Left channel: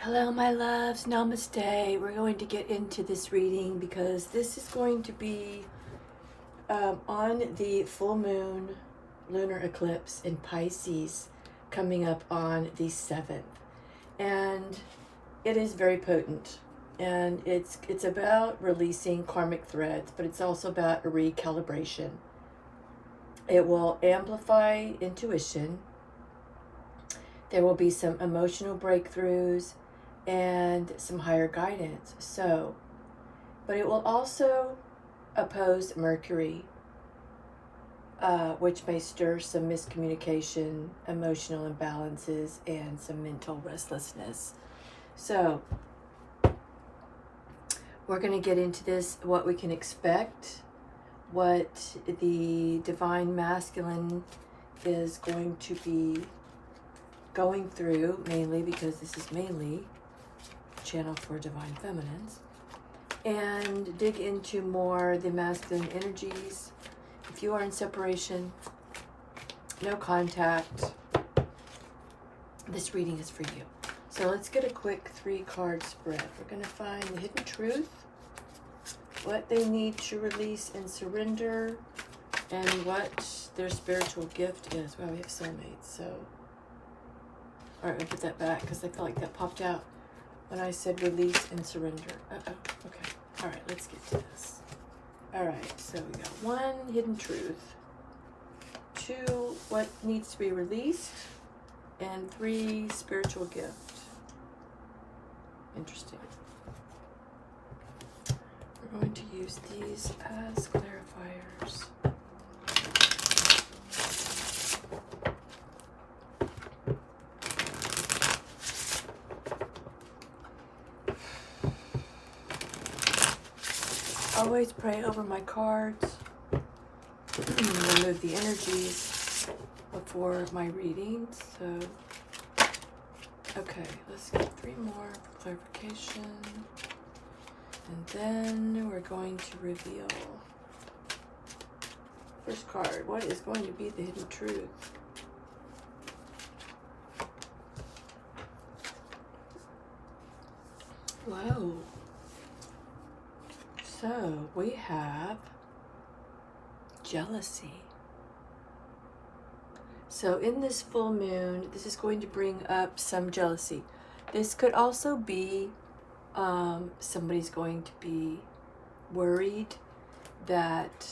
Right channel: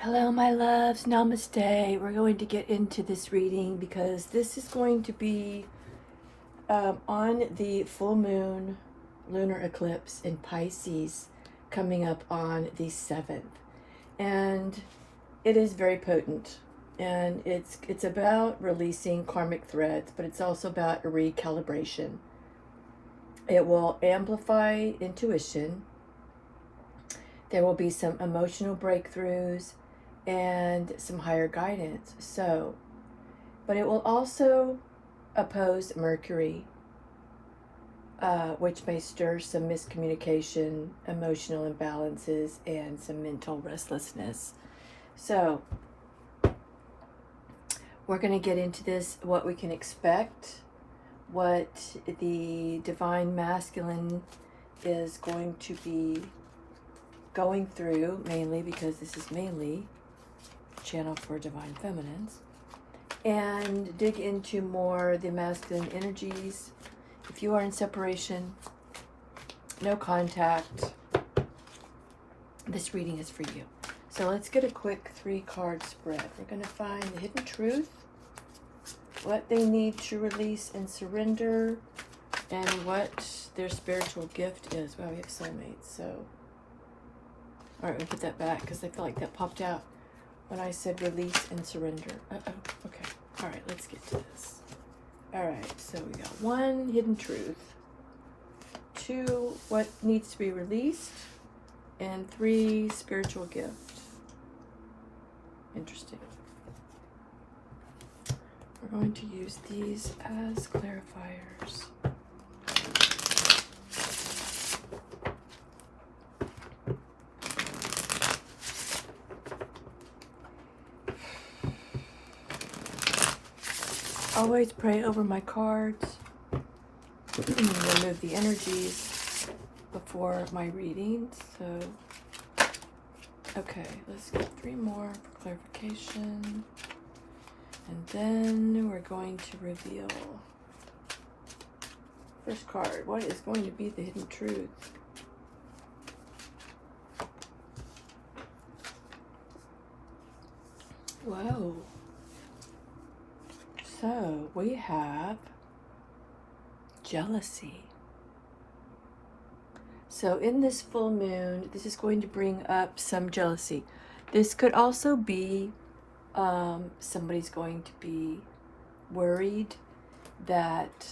Hello, my loves. Namaste. We're going to get into this reading because this is going to be on the full moon lunar eclipse in Pisces coming up on the 7th. And it is very potent. And it's about releasing karmic threads, but it's also about a recalibration. It will amplify intuition. There will be some emotional breakthroughs and some higher guidance. But it will also oppose Mercury, which may stir some miscommunication, emotional imbalances, and some mental restlessness. So we're going to get into this, what we can expect, what the divine masculine is going to be going through, mainly because this is mainly channel for divine feminines, and dig into more the masculine energies. If you are in separation, no contact, this reading is for you. So let's get a quick 3-card spread. We're going to find the hidden truth, what they need to release and surrender, and what their spiritual gift is. Wow, we have soulmates. So all right, I'll put that back because I feel like that popped out when I said release and surrender. Okay. All right, let's get to this. All right, so we got 1, hidden truth, 2, what needs to be released, and 3, spiritual gift. Interesting. We're going to use these as clarifiers. Always pray over my cards and remove the energies before my readings. So, okay, let's get 3 more for clarification. And then we're going to reveal. First card, what is going to be the hidden truth? Whoa. So we have jealousy. So in this full moon, this is going to bring up some jealousy. This could also be somebody's going to be worried that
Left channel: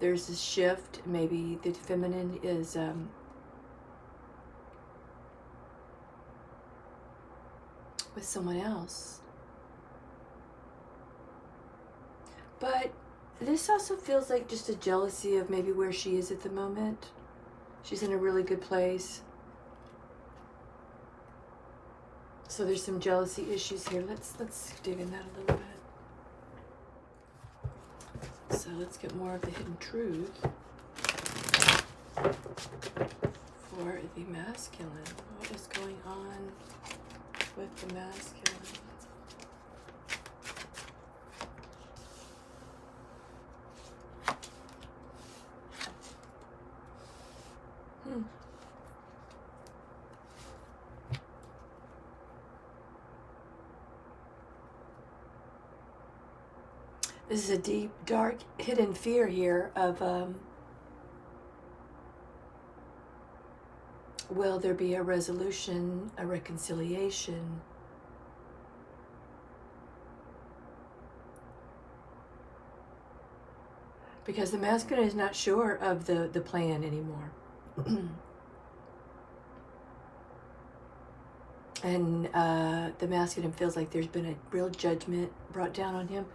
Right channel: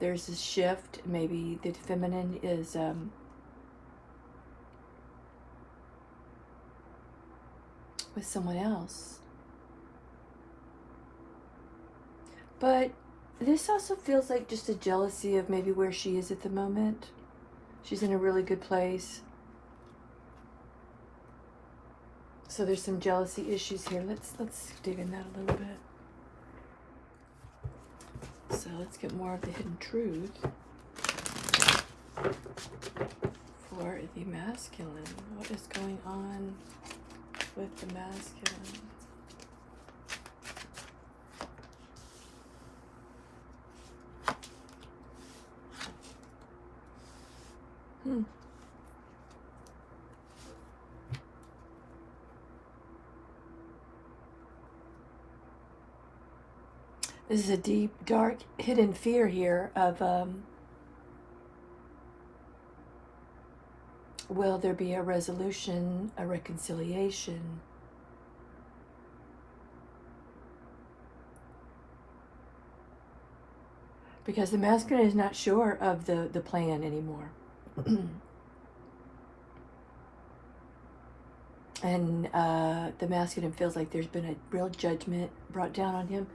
there's a shift. Maybe the feminine is with someone else. But this also feels like just a jealousy of maybe where she is at the moment. She's in a really good place. So there's some jealousy issues here. Let's dig in that a little bit. So let's get more of the hidden truth for the masculine. What is going on with the masculine? This is a deep, dark, hidden fear here of will there be a resolution, a reconciliation? Because the masculine is not sure of the plan anymore. And the masculine feels like there's been a real judgment brought down on him.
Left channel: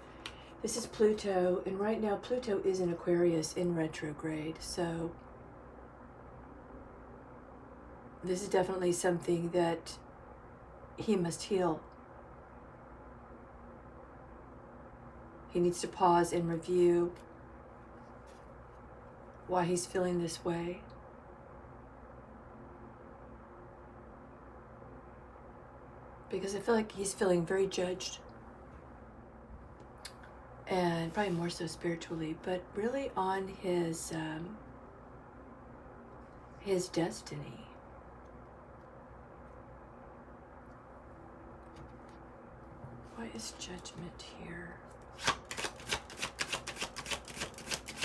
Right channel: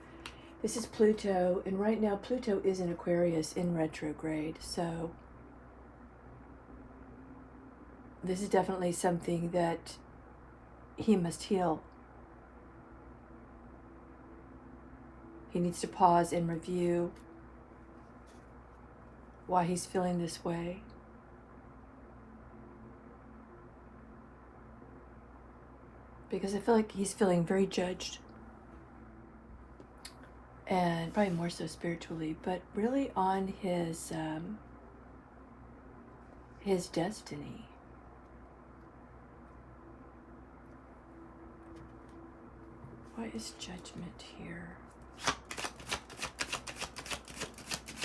This is Pluto, and right now Pluto is in Aquarius in retrograde, so this is definitely something that he must heal. He needs to pause and review why he's feeling this way. Because I feel like he's feeling very judged. And probably more so spiritually, but really on his destiny. Why is judgment here?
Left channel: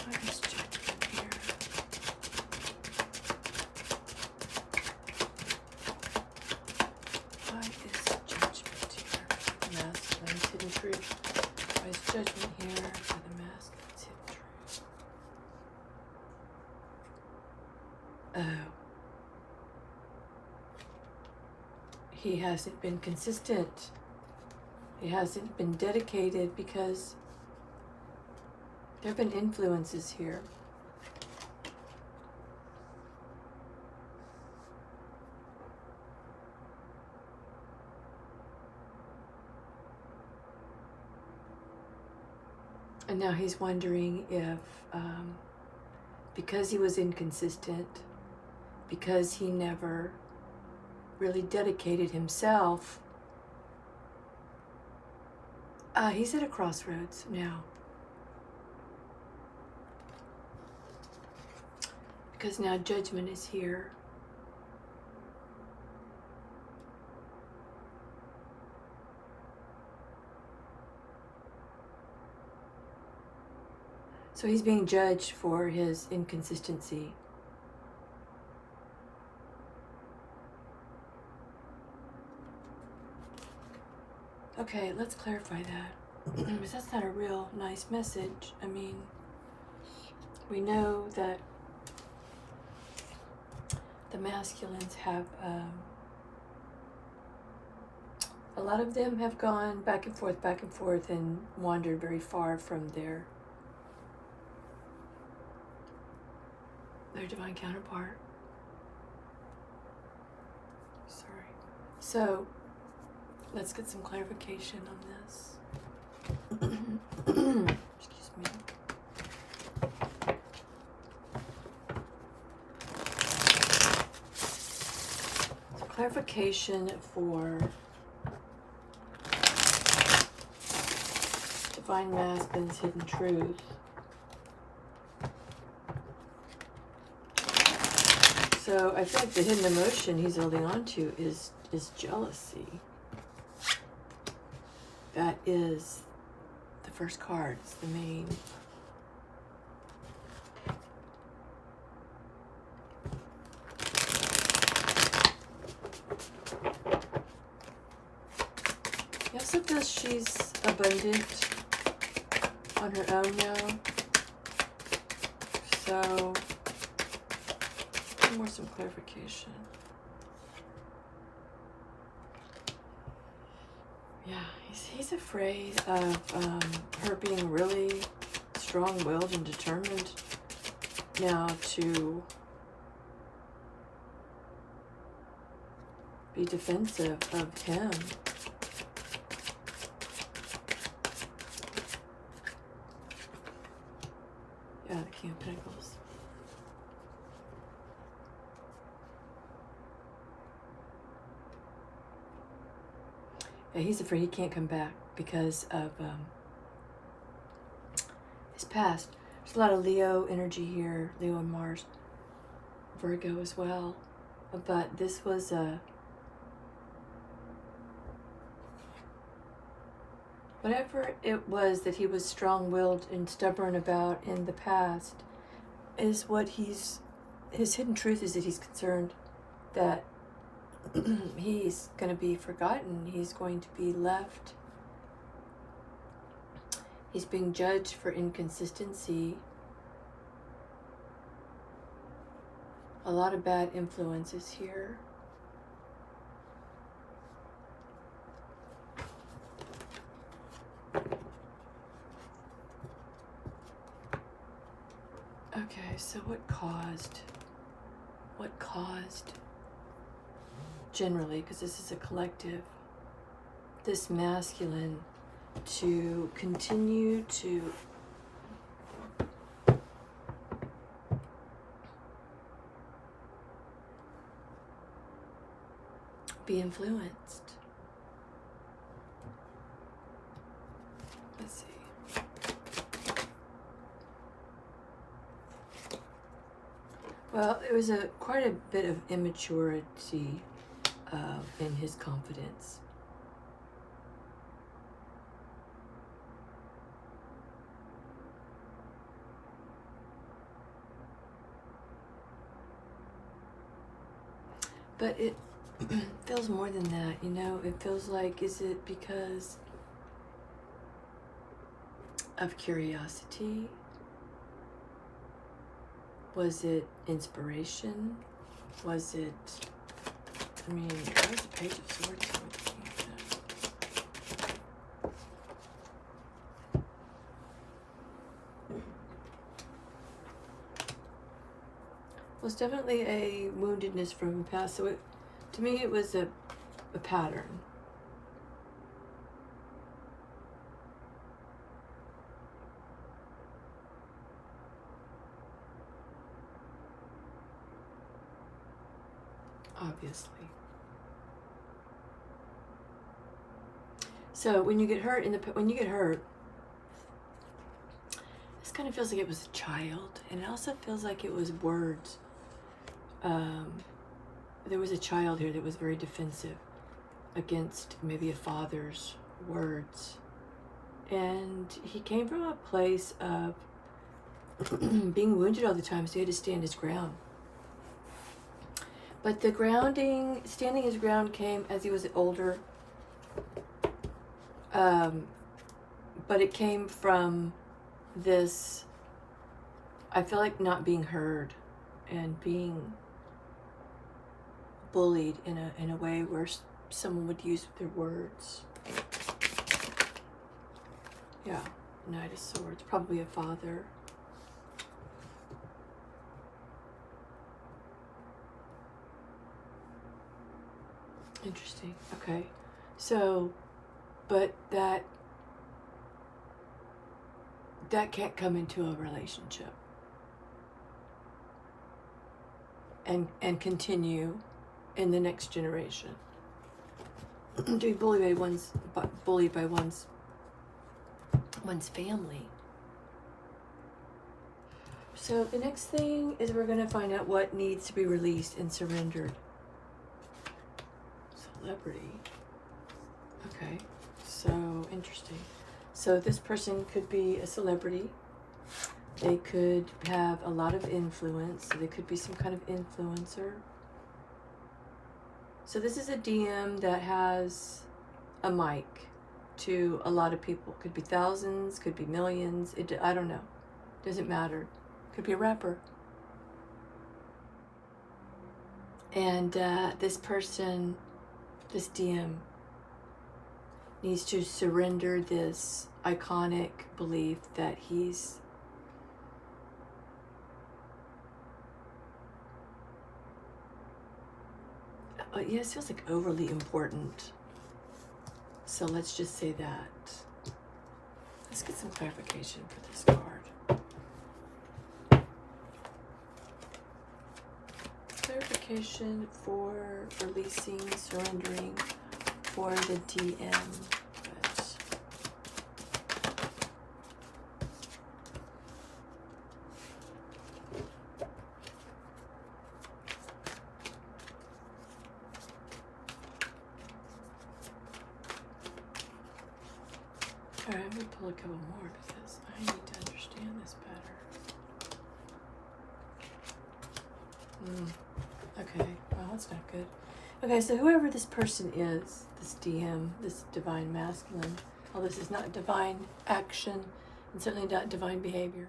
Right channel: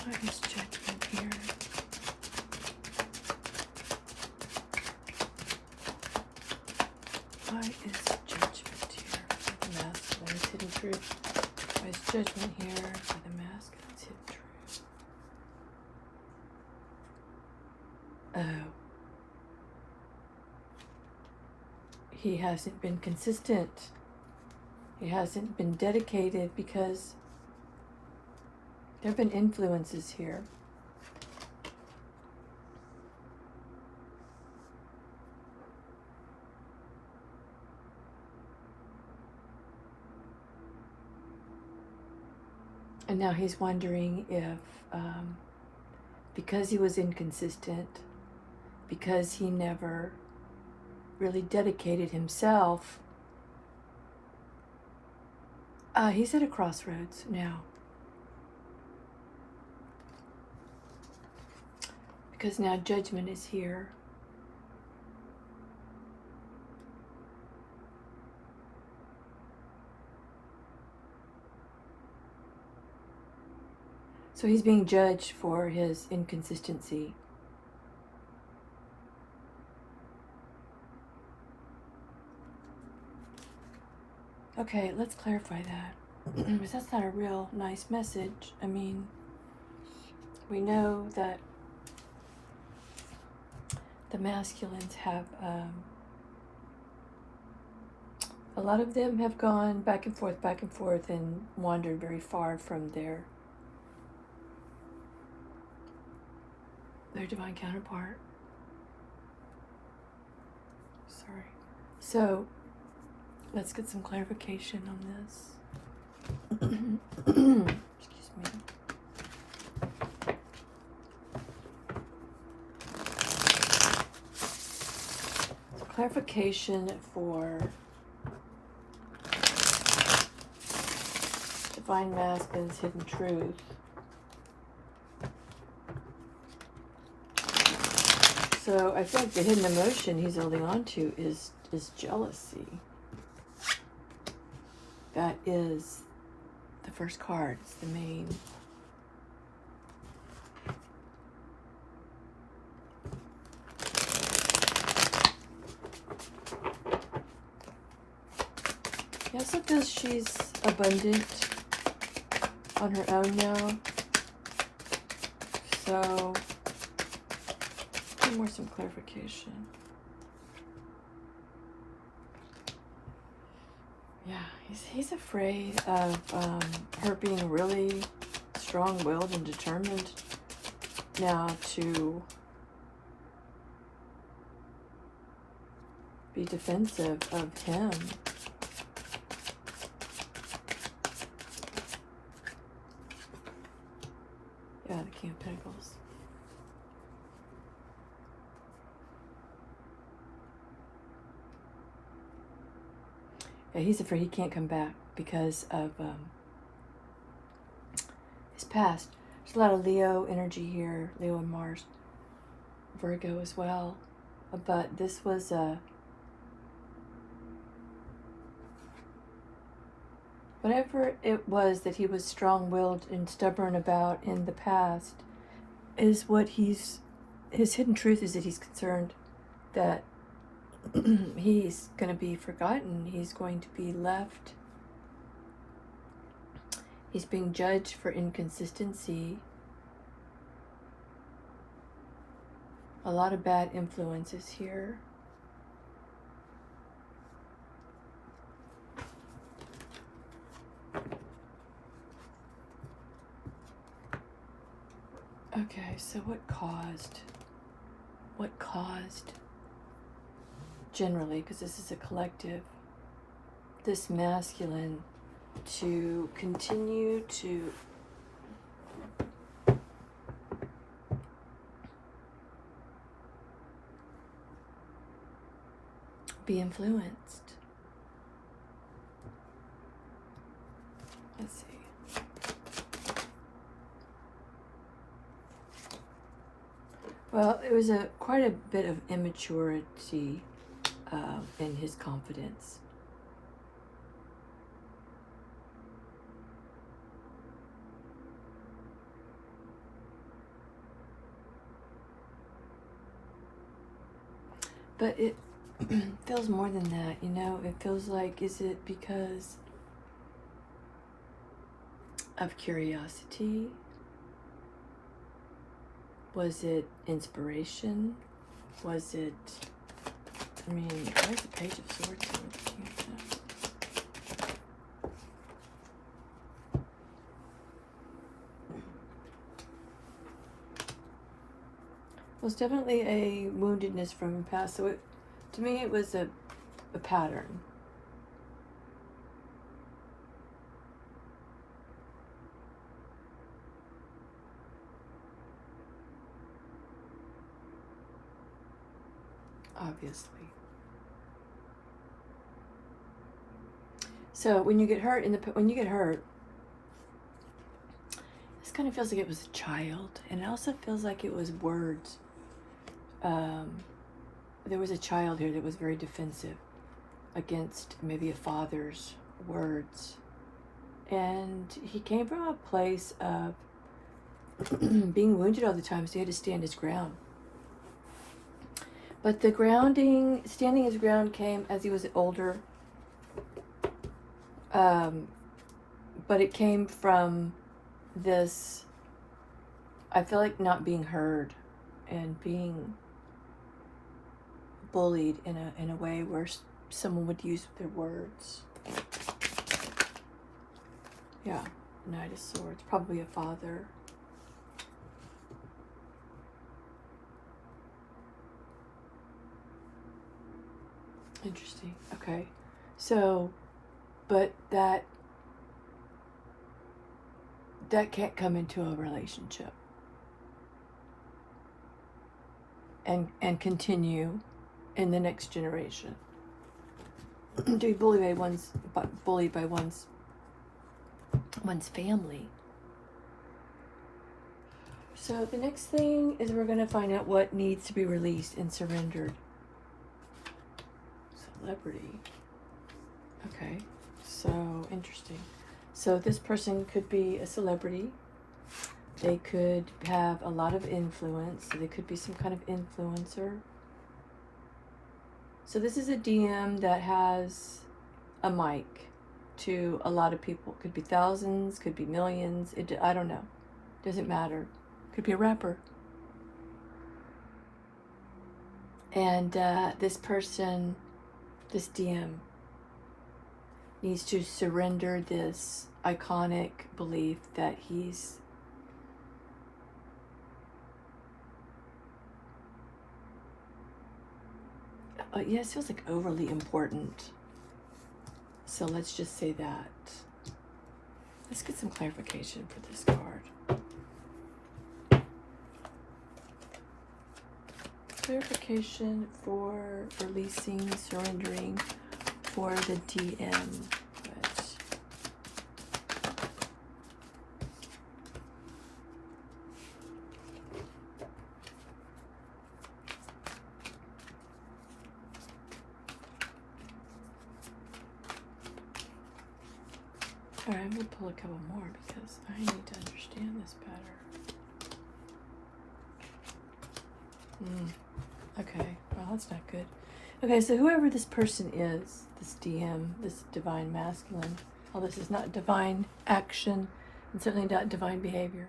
Why is judgment here? Why is judgment here? The masculine's hidden truth. Why is judgment here? For the masculine's hidden truth. Oh. He hasn't been consistent. He hasn't been dedicated because there have been influences here. And now he's wondering if, because he was inconsistent, because he never really dedicated himself, he's at a crossroads now. Because now judgment is here. So he's being judged for his inconsistency. Okay, let's clarify that. Because that's not a real nice message. I mean, we know that the masculines have, a lot of them have gone back and forth, and wandered very far from their divine counterpart. Sorry. So, let's get some clarification on this. Excuse me. Clarification for divine masculine's hidden truth. So I think the hidden emotion he's holding on to is jealousy. That is the first card. It's the main. He also feels she's abundant on her own now. So, more some clarification. Yeah, he's afraid of her being really strong-willed and determined now to be defensive of him. Yeah, the King of Pentacles. Yeah, he's afraid he can't come back because of his past. There's a lot of Leo energy here, Leo and Mars, Virgo as well. But this was whatever it was that he was strong-willed and stubborn about in the past is what his hidden truth is, that he's concerned that he's going to be forgotten. He's going to be left. He's being judged for inconsistency. A lot of bad influences here. Okay, so what caused generally, because this is a collective, this masculine to continue to be influenced? Let's see. Well, it was quite a bit of immaturity in his confidence. But it feels more than that, you know? It feels like, is it because of curiosity? Was it inspiration? Was it, I mean, where's the Page of Swords? Well, it's definitely a woundedness from the past. So to me, it was a pattern. Obviously. So when you get hurt this kind of feels like it was a child, and it also feels like it was words. There was a child here that was very defensive against maybe a father's words, and he came from a place of being wounded all the time, so he had to stand his ground. But the standing his ground came as he was older. But it came from this, I feel like, not being heard and being bullied in a way where someone would use their words. Yeah, Knight of Swords, probably a father. Interesting. Okay. So, but that can't come into a relationship and continue in the next generation. To be bullied by one's family. So the next thing is we're going to find out what needs to be released and surrendered. Celebrity. Okay, so interesting. So this person could be a celebrity. They could have a lot of influence. So they could be some kind of influencer. So this is a DM that has a mic to a lot of people. Could be thousands, could be millions. I don't know. Doesn't matter. Could be a rapper. And this person, this DM, needs to surrender this iconic belief that he's it feels like overly important. So let's just say that. Let's get some clarification for this card. Clarification for releasing, surrendering for the DM. Alright, I'm going to pull a couple more because I need to understand this better. Okay, well, that's not good. Okay, so whoever this person is, this DM, this divine masculine, well, this is not divine action and certainly not divine behavior.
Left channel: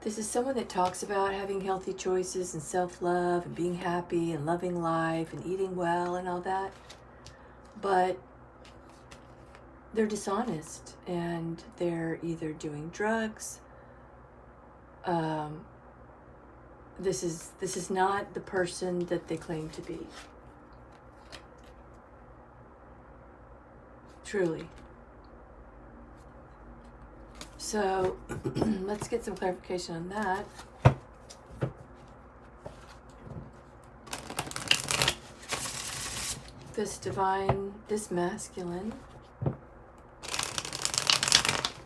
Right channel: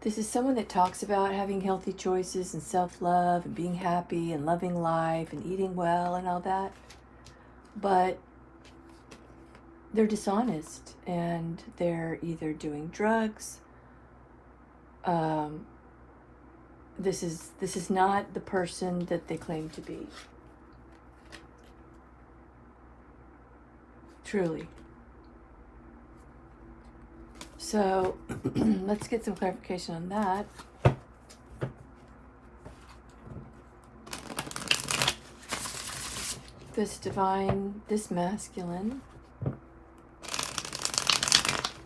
This is someone that talks about having healthy choices and self-love and being happy and loving life and eating well and all that. But they're dishonest and they're either doing drugs. This is not the person that they claim to be. Truly. So let's get some clarification on that. This masculine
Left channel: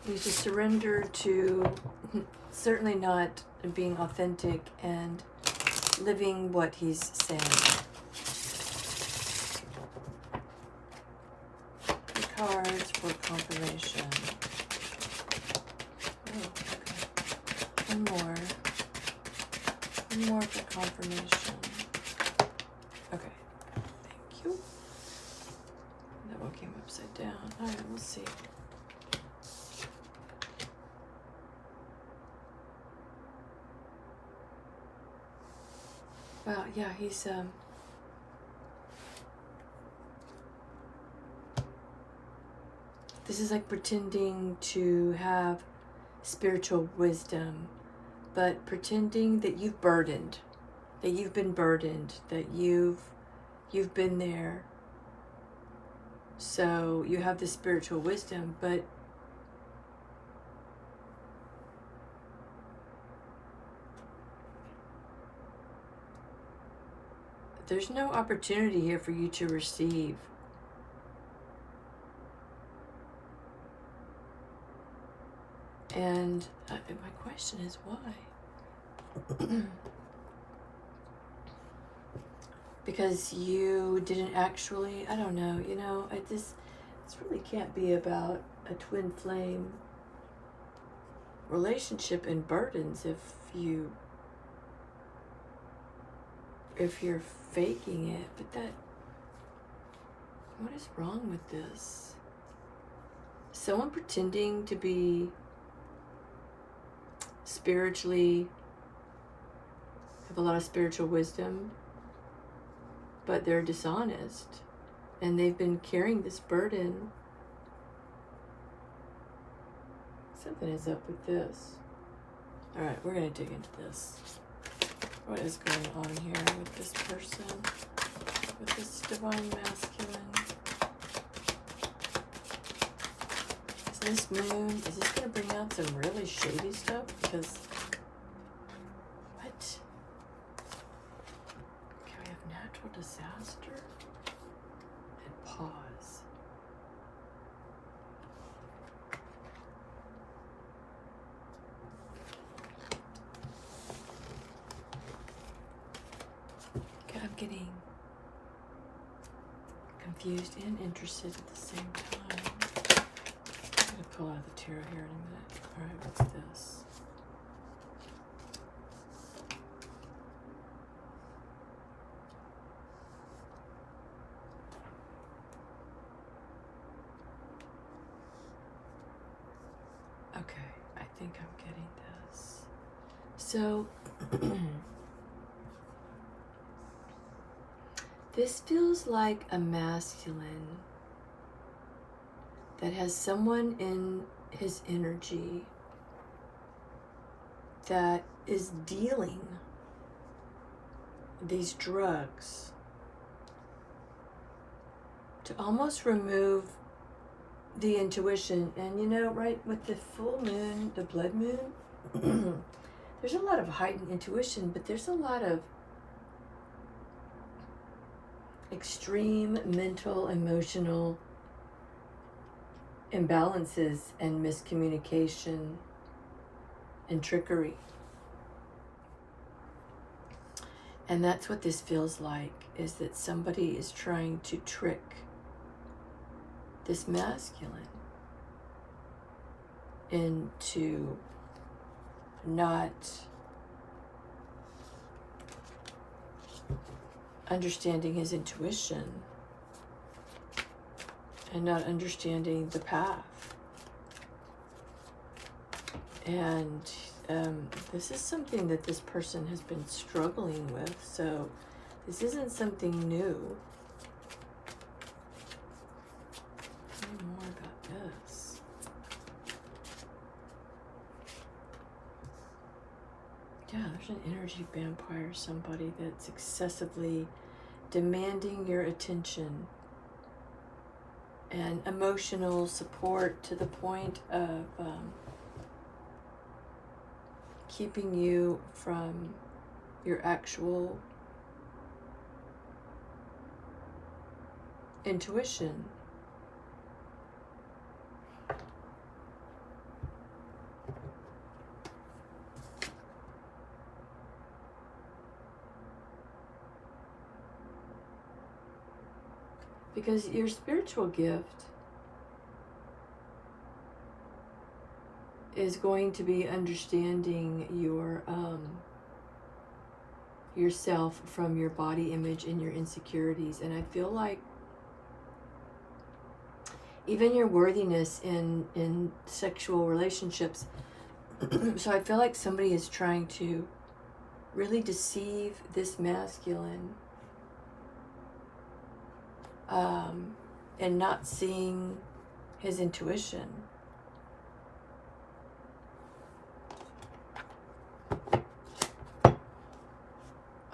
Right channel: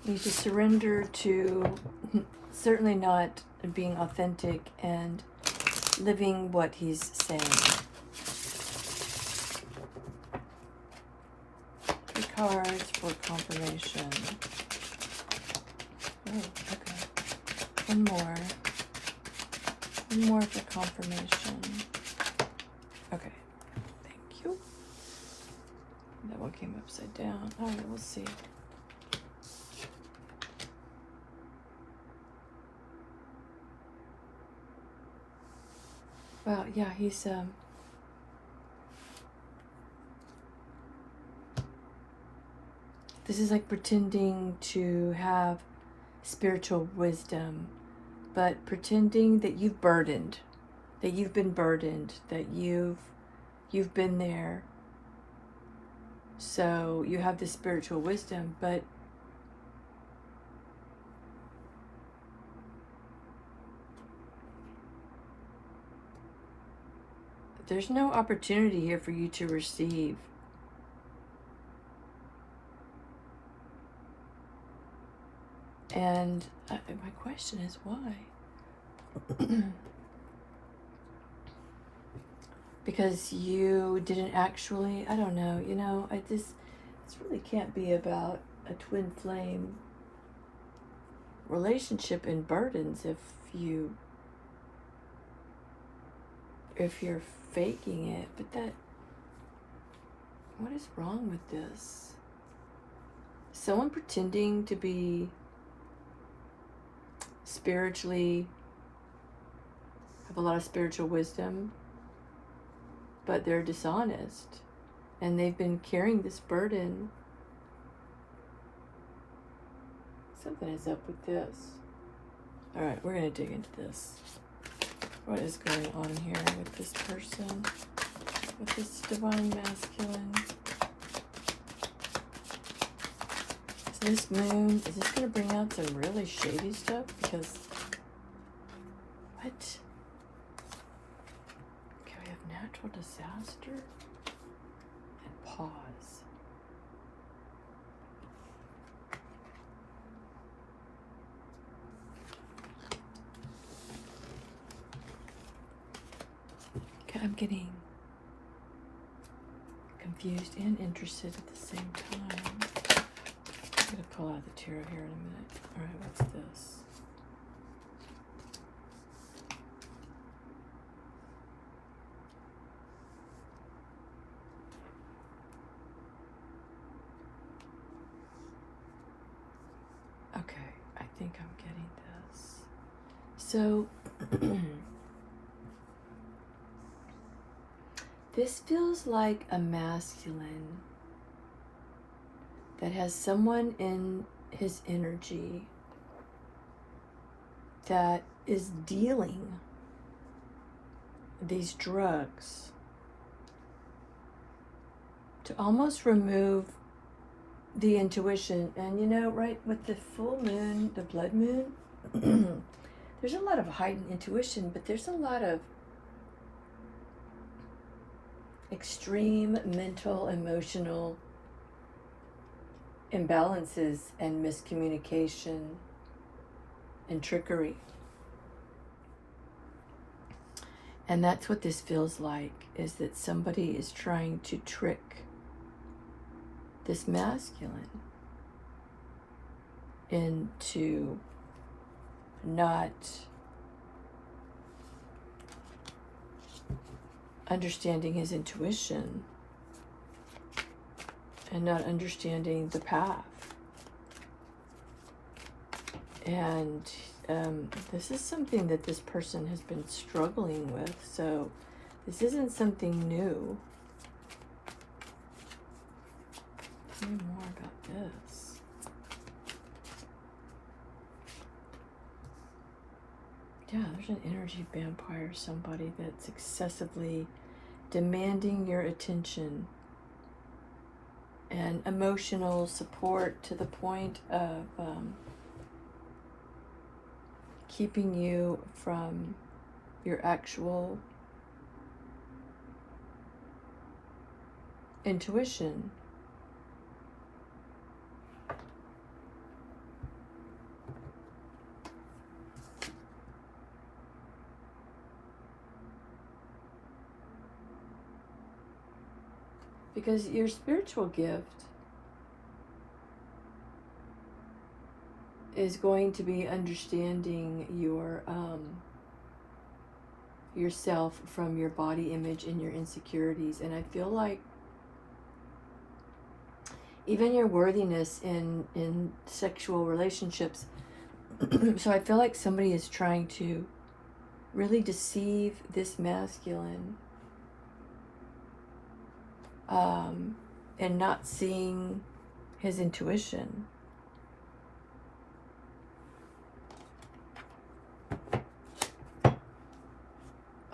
needs to surrender to certainly not being authentic and living what he's saying. The cards for confirmation. Oh, okay. One more for confirmation. we'll see. Wow, yeah, he's this is like pretending to have spiritual wisdom, but pretending that you've burdened, that you've been burdened, that you've been there. So you have this spiritual wisdom, but there's no opportunity here for you to receive. And my question is why? Because you didn't actually, I don't know, you know, this really can't be about a twin flame relationship and burdens if you're faking it. But what is wrong with this? Someone pretending to be spiritually, have a lot of spiritual wisdom, but they're dishonest and they've been carrying this burden. Something is up with this. All right, we're going to dig into this. What is going on here with this person, with this divine masculine? Is this moon, is this going to bring out some really shady stuff? Because, what? Okay, we have natural disaster and pause. Okay, I'm getting confused and interested at the same time. I'm going to pull out the tarot here in a minute. All right, what's this? Okay, I think I'm getting this. So, this feels like a masculine that has someone in his energy that is dealing these drugs to almost remove the intuition. And you know, right, with the full moon, the blood moon, there's a lot of heightened intuition, but there's a lot of extreme mental, emotional imbalances and miscommunication and trickery. And that's what this feels like, is that somebody is trying to trick this masculine into not understanding his intuition and not understanding the path. And this is something that this person has been struggling with, so this isn't something new. Tell me more about this. Yeah, there's an energy vampire, somebody that's excessively demanding your attention and emotional support to the point of keeping you from your actual intuition. Because your spiritual gift is going to be understanding yourself from your body image and your insecurities. And I feel like even your worthiness in sexual relationships. So I feel like somebody is trying to really deceive this masculine, and not seeing his intuition.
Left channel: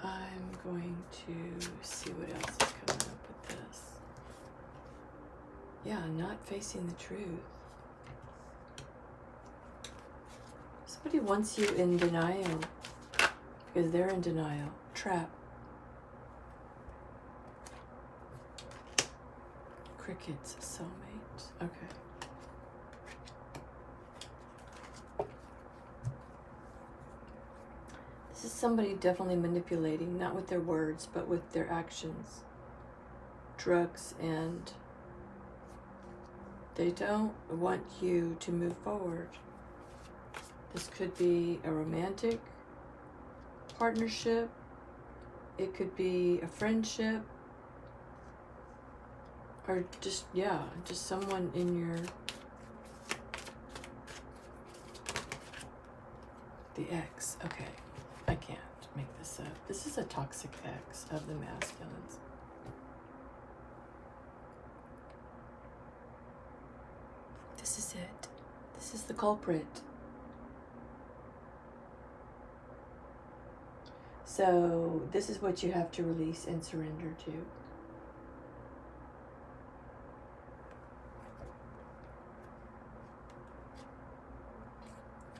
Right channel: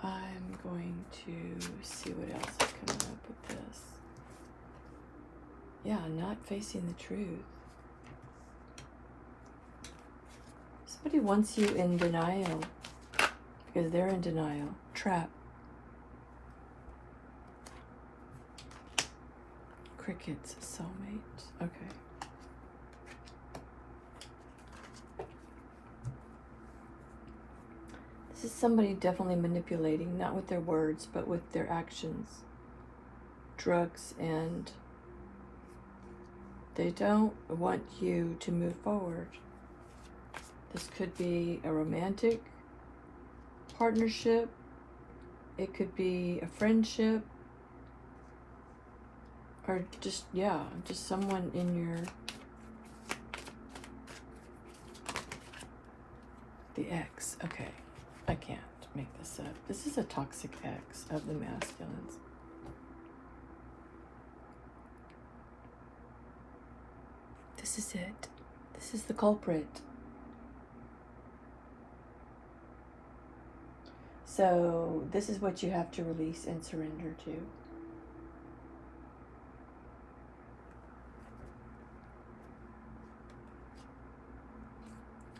I'm going to see what else is coming up with this. Yeah, not facing the truth. Somebody wants you in denial because they're in denial. Trap. Crickets, soulmate. Okay. This is somebody definitely manipulating, not with their words, but with their actions. Drugs, and they don't want you to move forward. This could be a romantic partnership. It could be a friendship. Or just, yeah, just someone in your... The ex. Okay. I can't make this up. This is a toxic ex of the masculines. This is it. This is the culprit. So this is what you have to release and surrender to.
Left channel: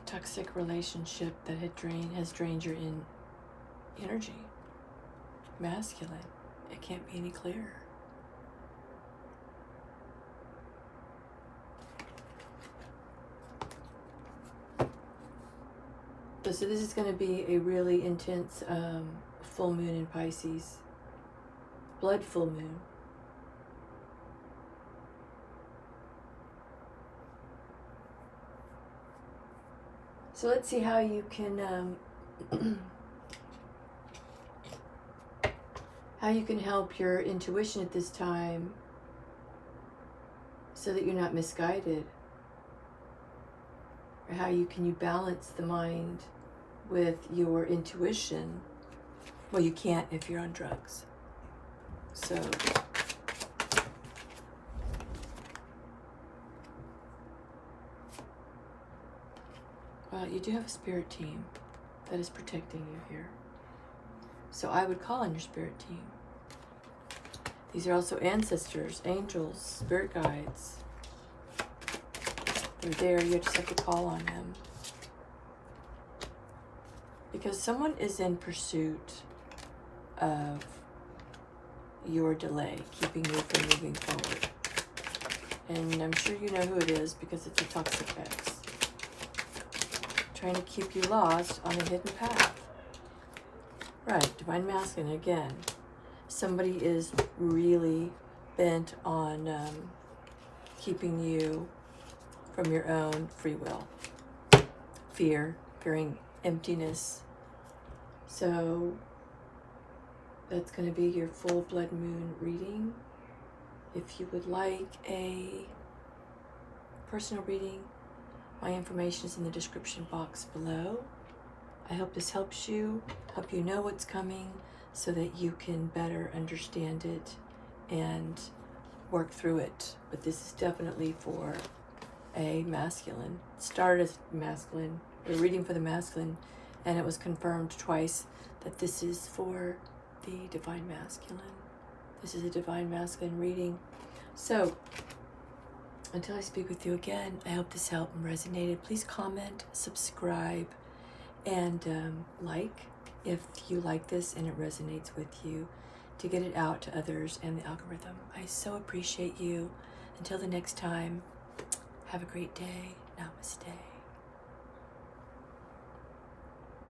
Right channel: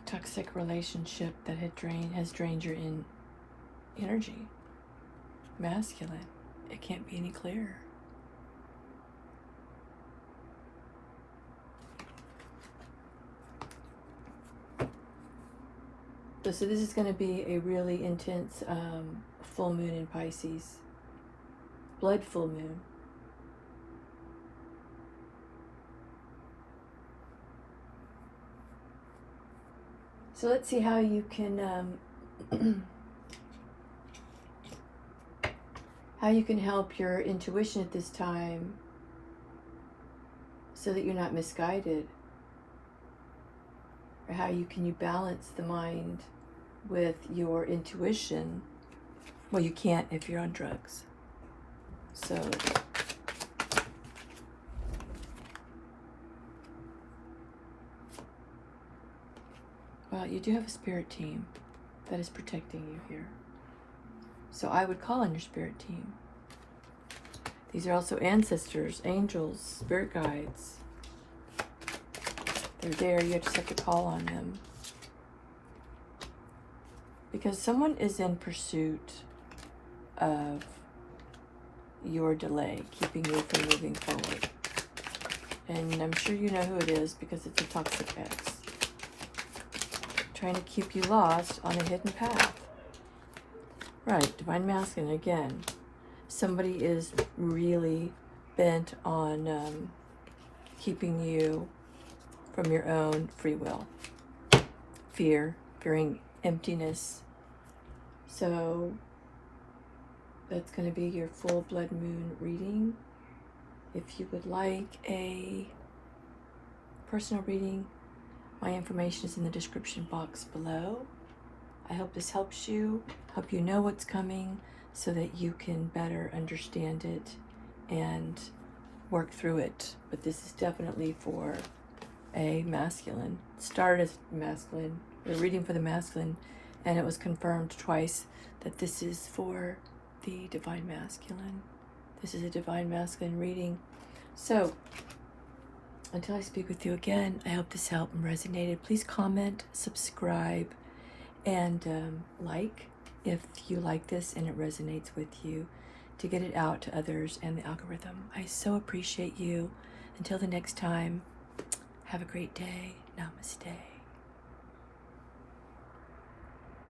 Toxic relationship that has drained your energy. Masculine. It can't be any clearer. So this is going to be a really intense full moon in Pisces. Blood full moon. So let's see how you can help your intuition at this time so that you're not misguided. Or how you balance the mind with your intuition. Well, you can't if you're on drugs. So well, you do have a spirit team that is protecting you here. So I would call on your spirit team. These are also ancestors, angels, spirit guides. They're there, you just have to call on them. Because someone is in pursuit of your delay, keeping you from moving forward. And I'm sure you know who it is because it's a toxic ex. Trying to keep you lost on a hidden path. Right, divine masculine again. Somebody is really bent on keeping you from your own free will. Fearing emptiness. So that's going to be your full blood moon reading. If you would like a personal reading, my information is in the description box below. I hope this helps you, hope you know what's coming so that you can better understand it and work through it. But this is definitely for a masculine. It started as masculine. We're reading for the masculine, and it was confirmed twice that this is for the divine masculine. This is a divine masculine reading. So, until I speak with you again, I hope this helped and resonated. Please comment, subscribe, and like if you like this and it resonates with you, to get it out to others and the algorithm. I so appreciate you. Until the next time, have a great day. Namaste.